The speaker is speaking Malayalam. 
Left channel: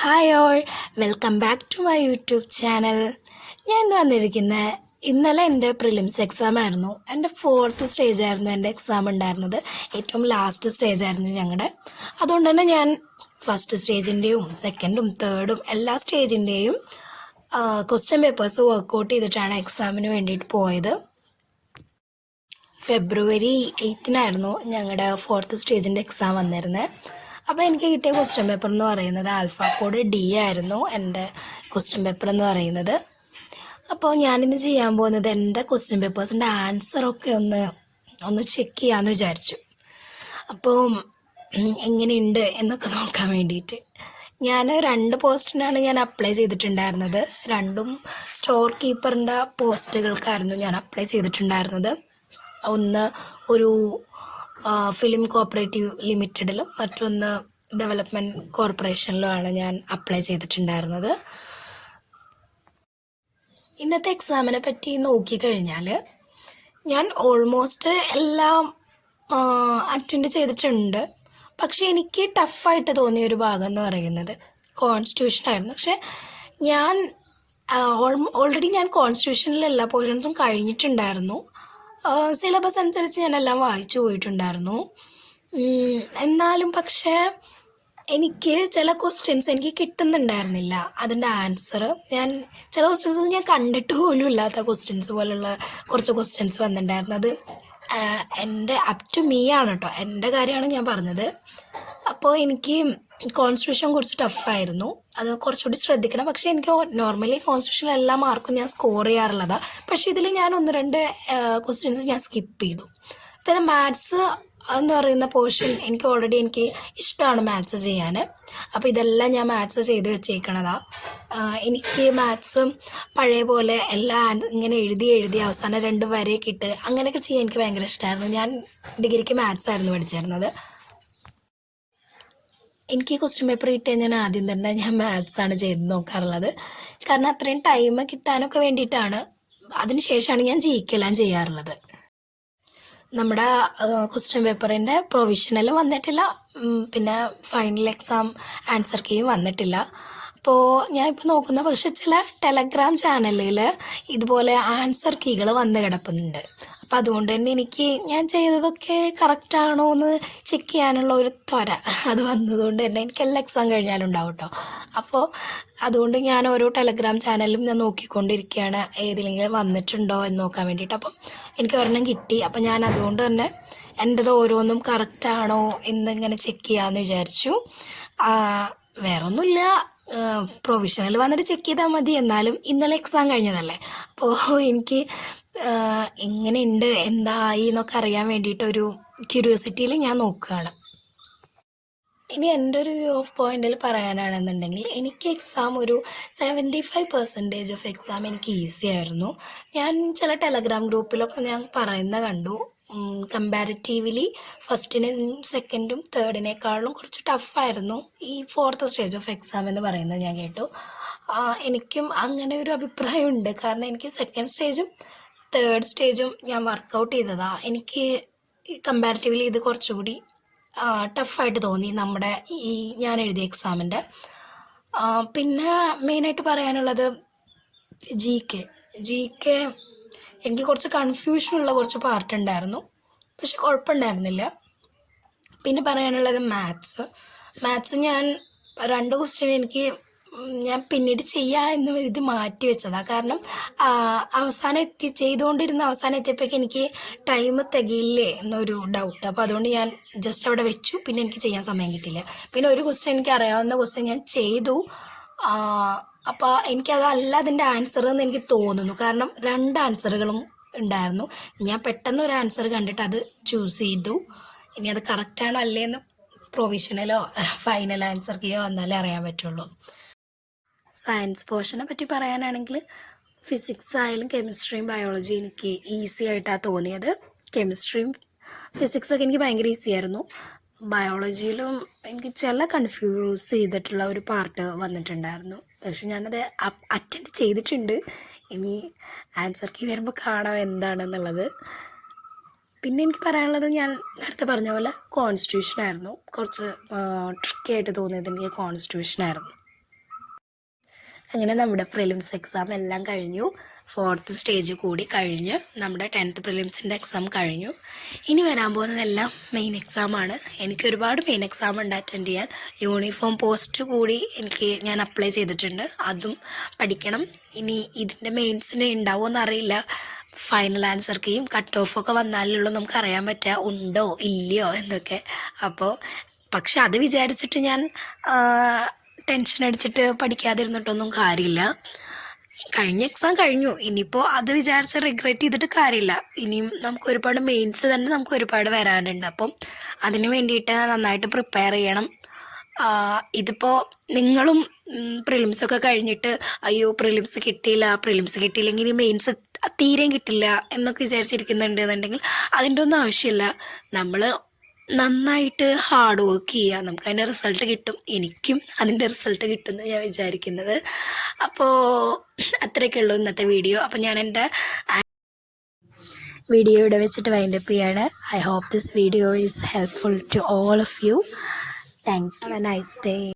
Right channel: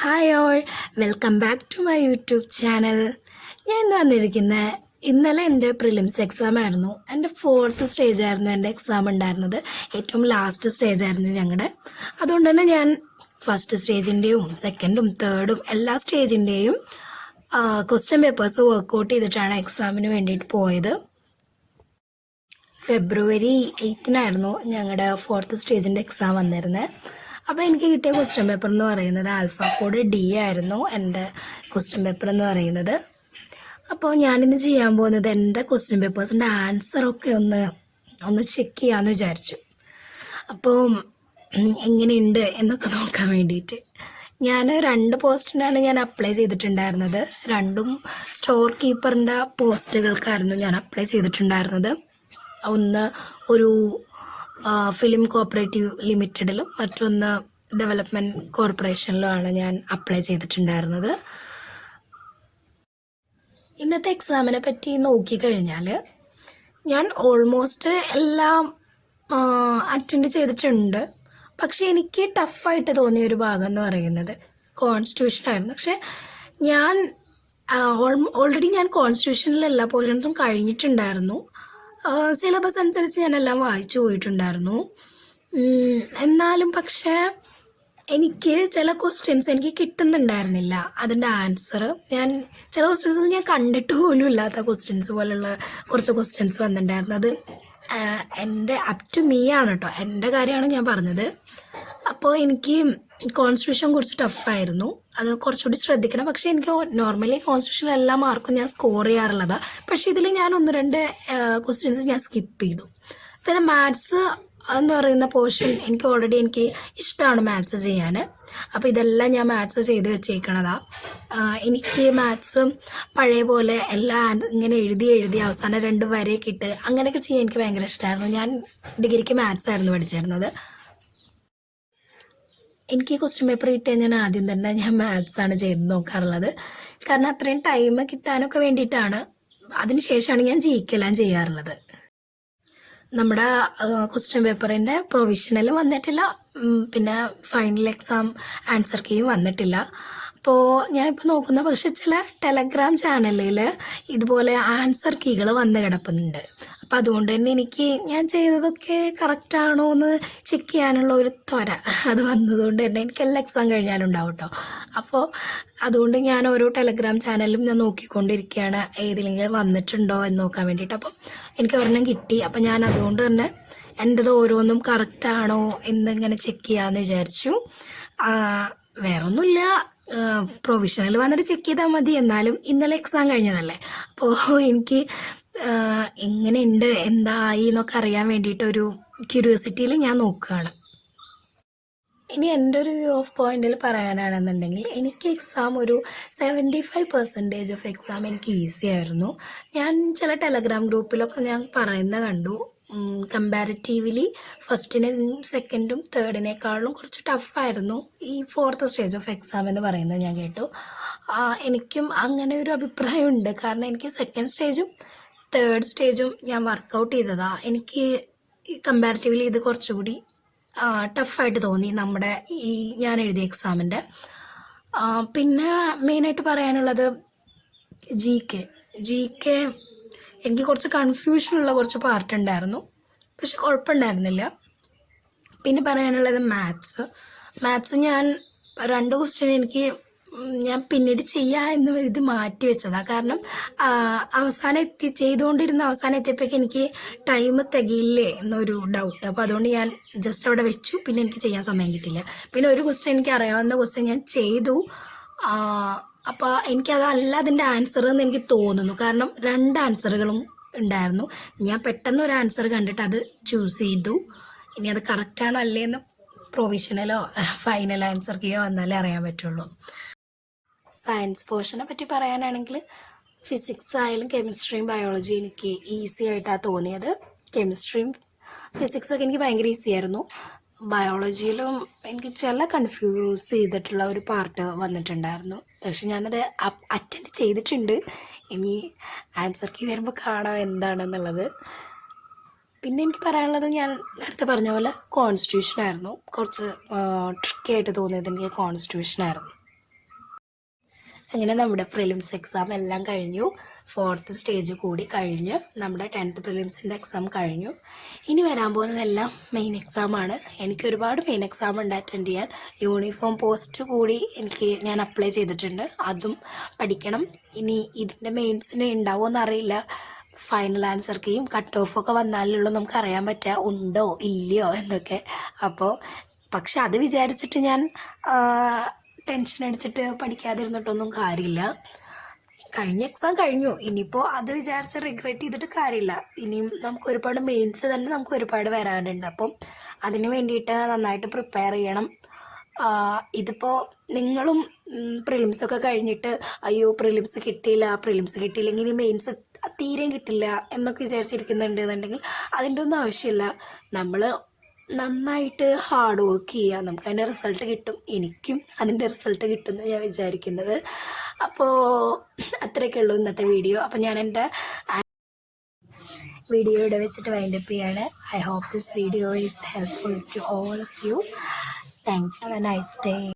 Hi all, welcome back to my YouTube channel. ഞാൻ ഇന്ന് വന്നിരിക്കുന്നത് ഇന്നലെ എൻ്റെ പ്രിലിംസ് എക്സാം ആയിരുന്നു. എൻ്റെ 4th സ്റ്റേജ് ആയിരുന്നു എൻ്റെ എക്സാം ഉണ്ടായിരുന്നത്. ഏറ്റവും ലാസ്റ്റ് സ്റ്റേജ് ആയിരുന്നു ഞങ്ങളുടെ. അതുകൊണ്ട് തന്നെ ഞാൻ ഫസ്റ്റ് സ്റ്റേജിൻ്റെയും സെക്കൻഡും തേർഡും എല്ലാ സ്റ്റേജിൻ്റെയും ക്വസ്റ്റ്യൻ പേപ്പേഴ്സ് വർക്കൗട്ട് ചെയ്തിട്ടാണ് എക്സാമിന് വേണ്ടിയിട്ട് പോയത്. ഫെബ്രുവരി 8-നായിരുന്നു ഞങ്ങളുടെ 4th സ്റ്റേജിൻ്റെ എക്സാം വന്നിരുന്നത്. അപ്പോൾ എനിക്ക് കിട്ടിയ ക്വസ്റ്റ്യൻ പേപ്പർ എന്ന് പറയുന്നത് ആൽഫ കോഡ് D ആയിരുന്നു എൻ്റെ ക്വസ്റ്റ്യൻ പേപ്പർ എന്ന് പറയുന്നത്. അപ്പോൾ ഞാനിന്ന് ചെയ്യാൻ പോകുന്നത് എൻ്റെ ക്വസ്റ്റ്യൻ പേപ്പേഴ്സിൻ്റെ ആൻസറൊക്കെ ഒന്ന് ചെക്ക് ചെയ്യാമെന്ന് വിചാരിച്ചു. അപ്പോൾ എങ്ങനെയുണ്ട് എന്നൊക്കെ നോക്കാൻ വേണ്ടിയിട്ട് ഞാൻ 2 പോസ്റ്റിനാണ് ഞാൻ അപ്ലൈ ചെയ്തിട്ടുണ്ടായിരുന്നത്. രണ്ടും സ്റ്റോർ കീപ്പറിൻ്റെ പോസ്റ്റുകൾക്കായിരുന്നു ഞാൻ അപ്ലൈ ചെയ്തിട്ടുണ്ടായിരുന്നത്. ഒന്ന് ഒരു ഫിലിം കോപ്പറേറ്റീവ് ലിമിറ്റഡിലും മറ്റൊന്ന് ഡെവലപ്മെൻറ്റ് കോർപ്പറേഷനിലുമാണ് ഞാൻ അപ്ലൈ ചെയ്തിട്ടുണ്ടായിരുന്നത്. ഇന്നത്തെ എക്സാമിനെ പറ്റി നോക്കിക്കഴിഞ്ഞാൽ ഞാൻ ഓൾമോസ്റ്റ് എല്ലാം അറ്റൻഡ് ചെയ്തിട്ടുണ്ട്. പക്ഷേ എനിക്ക് ടഫായിട്ട് തോന്നിയ ഒരു ഭാഗം എന്ന് പറയുന്നത് കോൺസ്റ്റിറ്റ്യൂഷൻ ആയിരുന്നു. പക്ഷേ ഞാൻ ഓൾറെഡി ഞാൻ കോൺസ്റ്റിറ്റ്യൂഷനിൽ എല്ലാ പോയിന്റ്സും കഴിഞ്ഞിട്ടുണ്ടായിരുന്നു. സിലബസ് അനുസരിച്ച് ഞാനെല്ലാം വായിച്ചു പോയിട്ടുണ്ടായിരുന്നു. എന്നാലും പക്ഷേ എനിക്ക് ചില ക്വസ്റ്റ്യൻസ് എനിക്ക് കിട്ടുന്നുണ്ടായിരുന്നില്ല അതിൻ്റെ ആൻസർ. ചില ക്വസ്റ്റ്യൻസ് ഞാൻ കണ്ടിട്ട് പോലും ഇല്ലാത്ത ക്വസ്റ്റ്യൻസ് പോലുള്ള കുറച്ച് ക്വസ്റ്റ്യൻസ് വന്നിട്ടുണ്ടായിരുന്നു. അത് എൻ്റെ അപ് ടു മീ ആണ് കേട്ടോ, എൻ്റെ കാര്യമാണ് ഞാൻ പറഞ്ഞത്. അപ്പോൾ എനിക്ക് കോൺസ്റ്റിറ്റ്യൂഷൻ കുറച്ച് ടഫായിരുന്നു, അത് കുറച്ചുകൂടി ശ്രദ്ധിക്കണം. പക്ഷേ എനിക്ക് നോർമലി കോൺസ്റ്റിറ്റ്യൂഷൻ എല്ലാ മാർക്കും ഞാൻ സ്കോർ ചെയ്യാറുള്ളതാണ്. പക്ഷേ ഇതിൽ ഞാൻ 1-2 ക്വസ്റ്റ്യൻസ് ഞാൻ സ്കിപ്പ് ചെയ്തു. പിന്നെ മാത്സ് എന്ന് പറയുന്ന പോർഷൻ എനിക്ക് ഇഷ്ടമാണ് മാത്സ് ചെയ്യാൻ. അപ്പോൾ ഇതെല്ലാം ഞാൻ മാത്സ് ചെയ്ത് വെച്ചേക്കണതാണ്. എനിക്ക് മാത്സ് പഴയ പോലെ എല്ലാം ഇങ്ങനെ എഴുതി അവസാനം 2 വരെയൊക്കെ ഇട്ട് അങ്ങനെയൊക്കെ ചെയ്യാൻ എനിക്ക് ഭയങ്കര ഇഷ്ടമായിരുന്നു. ഞാൻ ഡിഗ്രിക്ക് മാത്സ് ആയിരുന്നു പഠിച്ചിരുന്നത്. എനിക്ക് ക്വസ്റ്റ്യൻ പേപ്പർ കിട്ടിയാൽ ഞാൻ ആദ്യം തന്നെ മാത്സാണ് ചെയ്ത് നോക്കാറുള്ളത്. കാരണം അത്രയും ടൈം കിട്ടാനൊക്കെ വേണ്ടിയിട്ടാണ്. അതിനുശേഷമാണ് ഞാൻ ജയിക്കെല്ലാം ചെയ്യാറുള്ളത്. നമ്മുടെ ക്വസ്റ്റ്യൻ പേപ്പറിൻ്റെ പ്രൊവിഷണൽ വന്നിട്ടില്ല, പിന്നെ ഫൈനൽ എക്സാം ആൻസർ കീയും വന്നിട്ടില്ല. അപ്പോൾ ഞാൻ ഇപ്പോൾ നോക്കുന്ന പക്ഷേ ചില ടെലഗ്രാം ചാനലിൽ ഇതുപോലെ ആൻസർ കീകൾ വന്ന് കിടപ്പുന്നുണ്ട്. അപ്പോൾ അതുകൊണ്ട് തന്നെ ഞാൻ ചെയ്തതൊക്കെ കറക്റ്റാണോ എന്ന് ചെക്ക് ചെയ്യാനുള്ള ഒരു ത്വര അത് വന്നതുകൊണ്ട് തന്നെ എനിക്ക് എല്ലാ എക്സാം കഴിഞ്ഞാലും ഉണ്ടാവും കേട്ടോ. അപ്പോൾ അതുകൊണ്ട് ഞാൻ ഓരോ ടെലഗ്രാം ചാനലും ഞാൻ നോക്കിക്കൊണ്ടിരിക്കുകയാണ് ഏതെങ്കിലും വന്നിട്ടുണ്ടോ എന്ന് നോക്കാൻ വേണ്ടിയിട്ട്. അപ്പം എനിക്ക് ഒരെണ്ണം കിട്ടി. അപ്പം ഞാൻ അതുകൊണ്ട് തന്നെ എൻ്റെത് ഓരോന്നും കറക്റ്റാണോ എന്നിങ്ങനെ ചെക്ക് ചെയ്യാമെന്ന് വിചാരിച്ചു. വേറൊന്നുമില്ല, പ്രൊവിഷണൽ വന്നിട്ട് ചെക്ക് ചെയ്താൽ മതി. എന്നാലും ഇന്നലെ എക്സാം കഴിഞ്ഞതല്ലേ, അപ്പോൾ എനിക്ക് എങ്ങനെയുണ്ട് എന്തായി എന്നൊക്കെ അറിയാൻ വേണ്ടിയിട്ടൊരു ക്യൂരിയോസിറ്റിയിൽ ഞാൻ നോക്കുകയാണ്. ഇനി എൻ്റെ ഒരു വ്യൂ ഓഫ് പോയിന്റിൽ പറയാനാണെന്നുണ്ടെങ്കിൽ എനിക്ക് എക്സാം ഒരു 75% ഓഫ് എക്സാം എനിക്ക് ഈസി ആയിരുന്നു. ഞാൻ ചില ടെലഗ്രാം ഗ്രൂപ്പിലൊക്കെ ഞാൻ പറയുന്നത് കണ്ടു, കമ്പാരിറ്റീവ്ലി ഫസ്റ്റിനും സെക്കൻഡും തേർഡിനേക്കാളും കുറച്ച് ടഫായിരുന്നു ഈ 4th സ്റ്റേജ് ഓഫ് എക്സാം എന്ന് പറയുന്നത് ഞാൻ കേട്ടു. എനിക്കും അങ്ങനെ ഒരു അഭിപ്രായമുണ്ട്. കാരണം എനിക്ക് സെക്കൻഡ് സ്റ്റേജും തേർഡ് സ്റ്റേജും ഞാൻ വർക്കൗട്ട് ചെയ്തതാണ്. എനിക്ക് കമ്പാരിറ്റീവ്ലി ഇത് കുറച്ചുകൂടി ടഫായിട്ട് തോന്നി നമ്മുടെ ഞാൻ എഴുതിയ എക്സാമിൻ്റെ. പിന്നെ മെയിനായിട്ട് പറയാനുള്ളത് ജി കെ എനിക്ക് കുറച്ച് കൺഫ്യൂഷനുള്ള കുറച്ച് പാർട്ട് ഉണ്ടായിരുന്നു, പക്ഷെ കുഴപ്പമുണ്ടായിരുന്നില്ല. പിന്നെ പറയാനുള്ളത് മാത്സ് ഞാൻ 2 ക്വസ്റ്റ്യൻ ഞാൻ പിന്നീട് ചെയ്യാമെന്ന് ഇത് മാറ്റി വെച്ചതാണ്. കാരണം ചെയ്തുകൊണ്ടിരുന്ന അവസാനം എത്തിയപ്പോഴേക്കും എനിക്ക് ടൈം തികയില്ലേ എന്നൊരു ഡൗട്ട്. അപ്പോൾ അതുകൊണ്ട് ഞാൻ ജസ്റ്റ് അവിടെ വെച്ചു. പിന്നെ എനിക്ക് ചെയ്യാൻ സമയം കിട്ടില്ല. പിന്നെ ഒരു ക്വസ്റ്റ്യൻ എനിക്ക് അറിയാവുന്ന ക്വസ്റ്റ്യൻ ഞാൻ ചെയ്തു. അപ്പോൾ എനിക്കതല്ല അതിൻ്റെ ആൻസർ എന്ന് എനിക്ക് തോന്നുന്നു. കാരണം 2 ആൻസറുകളും ഉണ്ടായിരുന്നു. ഞാൻ പെട്ടെന്ന് ഒരു ആൻസർ കണ്ടിട്ട് അത് ചൂസ് ചെയ്തു. ഇനി അത് കറക്റ്റാണോ അല്ലേന്ന് പ്രൊവിഷണലോ ഫൈനൽ ആൻസർ കീയോ വന്നാലേ അറിയാൻ പറ്റുള്ളൂ. സയൻസ് പോർഷനെ പറ്റി പറയാനാണെങ്കിൽ ഫിസിക്സ് ആയാലും കെമിസ്ട്രിയും ബയോളജി എനിക്ക് ഈസി ആയിട്ടാണ് തോന്നിയത്. കെമിസ്ട്രിയും ഫിസിക്സൊക്കെ എനിക്ക് ഭയങ്കര ഈസി ആയിരുന്നു. ബയോളജിയിലും എനിക്ക് ചില കൺഫ്യൂസ് ചെയ്തിട്ടുള്ള ഒരു പാർട്ട് വന്നിട്ടുണ്ടായിരുന്നു. പക്ഷെ ഞാനത് അറ്റൻഡ് ചെയ്തിട്ടുണ്ട്. ഇനി ആൻസർ കീ വരുമ്പോൾ കാണാം എന്താണെന്നുള്ളത്. പിന്നെ എനിക്ക് പറയാനുള്ളത് ഞാൻ നേരത്തെ പറഞ്ഞ പോലെ കോൺസ്റ്റിറ്റ്യൂഷൻ ആയിരുന്നു. കുറച്ച് ട്രിക്കി ആയിട്ട് തോന്നിയത് എനിക്ക് കോൺസ്റ്റിറ്റ്യൂഷൻ ആയിരുന്നു. അങ്ങനെ നമ്മുടെ പ്രിലിംസ് എക്സാം എല്ലാം കഴിഞ്ഞു. 4th സ്റ്റേജ് കൂടി കഴിഞ്ഞ് നമ്മുടെ 10th പ്രിലിംസിൻ്റെ എക്സാം കഴിഞ്ഞു. ഇനി വരാൻ പോകുന്നതെല്ലാം മെയിൻ എക്സാമാണ്. എനിക്ക് ഒരുപാട് മെയിൻ എക്സാം ഉണ്ട് അറ്റൻഡ് ചെയ്യാൻ. യൂണിഫോം പോസ്റ്റ് കൂടി ഞാൻ അപ്ലൈ ചെയ്തിട്ടുണ്ട്, അതും പഠിക്കണം. ഇനി ഇതിൻ്റെ മെയിൻസിന് ഉണ്ടാവുമോ അറിയില്ല. ഫൈനൽ ആൻസർ കീയും കട്ട് ഓഫൊക്കെ വന്നാലുള്ളൂ നമുക്ക് അറിയാൻ പറ്റുക ഉണ്ടോ ഇല്ലയോ എന്നൊക്കെ. പക്ഷെ അത് വിചാരിച്ചിട്ട് ഞാൻ ടെൻഷൻ അടിച്ചിട്ട് പഠിക്കാതിരുന്നിട്ടൊന്നും കാര്യമില്ല. കഴിഞ്ഞ എക്സാം കഴിഞ്ഞു, ഇനിയിപ്പോൾ അത് വിചാരിച്ച് റിഗ്രറ്റ് ചെയ്തിട്ട് കാര്യമില്ല. ഇനിയും നമുക്ക് ഒരുപാട് മെയിൻസ് തന്നെ നമുക്ക് ഒരുപാട് വരാനുണ്ട്. അപ്പം അതിന് വേണ്ടിയിട്ട് നന്നായിട്ട് പ്രിപ്പയർ ചെയ്യണം. ഇതിപ്പോൾ നിങ്ങളും പ്രിലിംസൊക്കെ കഴിഞ്ഞിട്ട് അയ്യോ പ്രിലിംസ് കിട്ടിയില്ലെങ്കിൽ ഇനി മെയിൻസ് തീരെയും കിട്ടില്ല എന്നൊക്കെ വിചാരിച്ചിരിക്കുന്നുണ്ട് എന്നുണ്ടെങ്കിൽ അതിൻ്റെ ഒന്നും ആവശ്യമില്ല. നമ്മൾ നന്നായിട്ട് ഹാർഡ് വർക്ക് ചെയ്യുക, നമുക്ക് അതിൻ്റെ റിസൾട്ട് കിട്ടും. എനിക്കും അതിൻ്റെ റിസൾട്ട് കിട്ടുമെന്ന് ഞാൻ വിചാരിക്കുന്നത്. അപ്പോൾ അത്രയൊക്കെ ഉള്ളൂ ഇന്നത്തെ വീഡിയോ. അപ്പോൾ ഞാൻ എൻ്റെ വീഡിയോ ഇവിടെ വെച്ചിട്ട് വൈൻഡപ്പ് ചെയ്യാണ്. I hope this video is helpful to all of you. Thank you. Have a nice day.